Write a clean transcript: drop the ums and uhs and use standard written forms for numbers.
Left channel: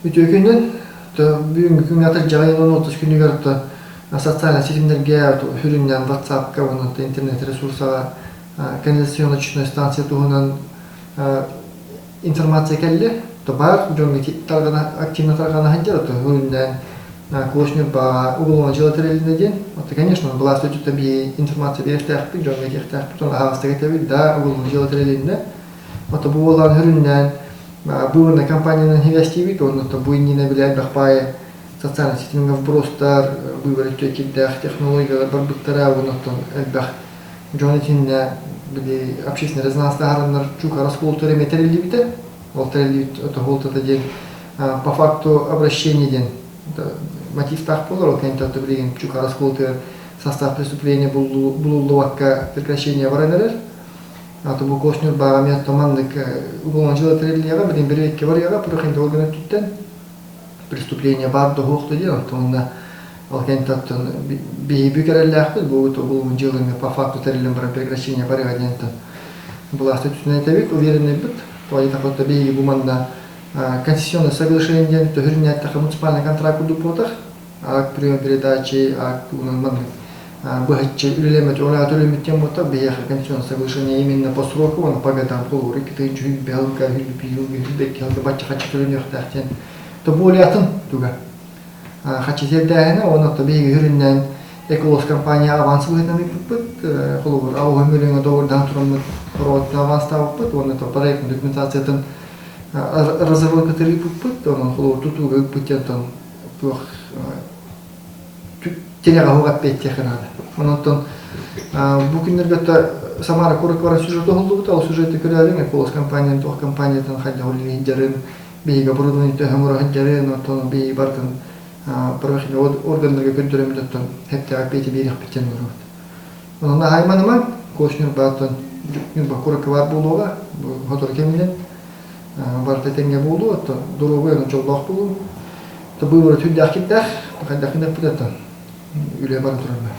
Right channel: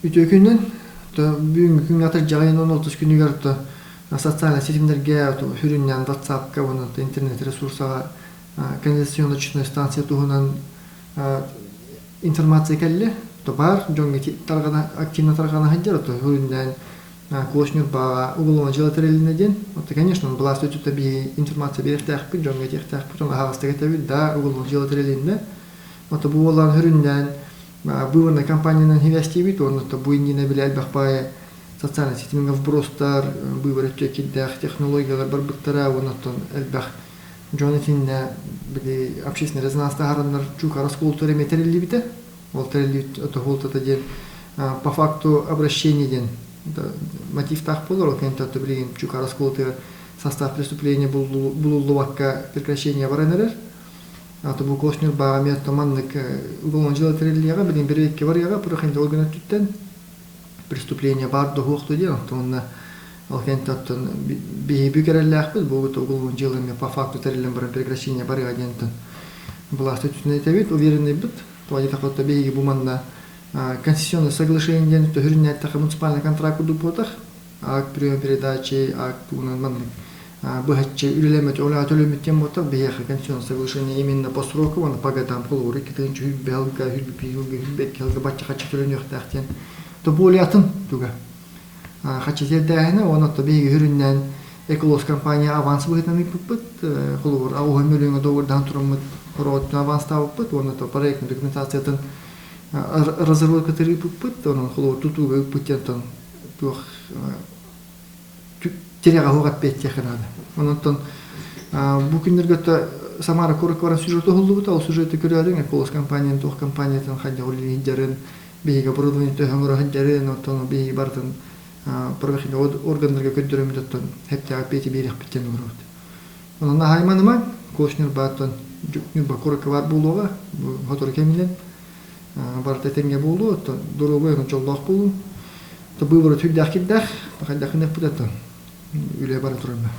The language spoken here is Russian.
Ütükünden бүгүнкү күнгө атыр жагайынан 30 күнүгөр социальный сетимдерге хүрүннен WhatsApp-ка, интернет ресурсага, канализационно-очистной станция тугунан информация келли. То бар, жонго таргана активно таргана ханжар, то хүрүннен клошнер ба уголовно желательный день. Вот, конечно, была статья би информация берехтах, жонго техтах, потом австага табил, да, уголовно желательный день. Вот, buvo хүрүннен выборная кампания на невестивик, он то будет не набирать бахпая социальных сетей вбростар, выборы текидах, технология, барбуттара, он то эльбах Джонатин были общественные резонансные гарантии чука расколотые металлилибиты, волтерилибит это голтата день по факту обращения день мотив так полор, когда то блин чука расколотые состав преступления был ловко прекращение войны. А то был кошнер ба место маннык уголовно желательного, блин берег варьяга, прохин органы туттен преступление бар до хохто дело, то он алкентат бигереллях был уголовно желательный по факту терелем про прекращение барыгадента была статутная тавик уверенный бит, по этому вот беги буманна конституционное соглашение, то гринять так муниципальный контракт дупотах, а прием передачи, а маннык богаче улемет улемет тем вот бияха конституционное соглашение именно по сроку, он по годам полуры, китай чуть белка, гильпил, гильбек, гильбача хочу улемет тахтен, то более атын туга. Хочу зедяйна, он то беги гринять эколос компания аванс выдам пут, полур, а он миллион долларов дантром провод аванс стал пут, он это проектная документация это разработка терри пут, он полур тутуга путетон тух телега хогат петтехрана. Онтон бу күндөргө Самара Короквара сюжеты болду, ал сюжети көрөлүң, эколос компания, тох компаниятан хадя улин жарым, бейга продунун төгөмөрө хадярын, онтон бей бартын правоохранительные органы контролируют это, это опять берег потянули. Он на Айманма, Кошнер Батон, Бакурка Булова, Готоркемин, Бартетенге Булу, то дорогой он чолдах Булу, то было чуть дахкидах, пока дахнет это, Юлия Бартурна.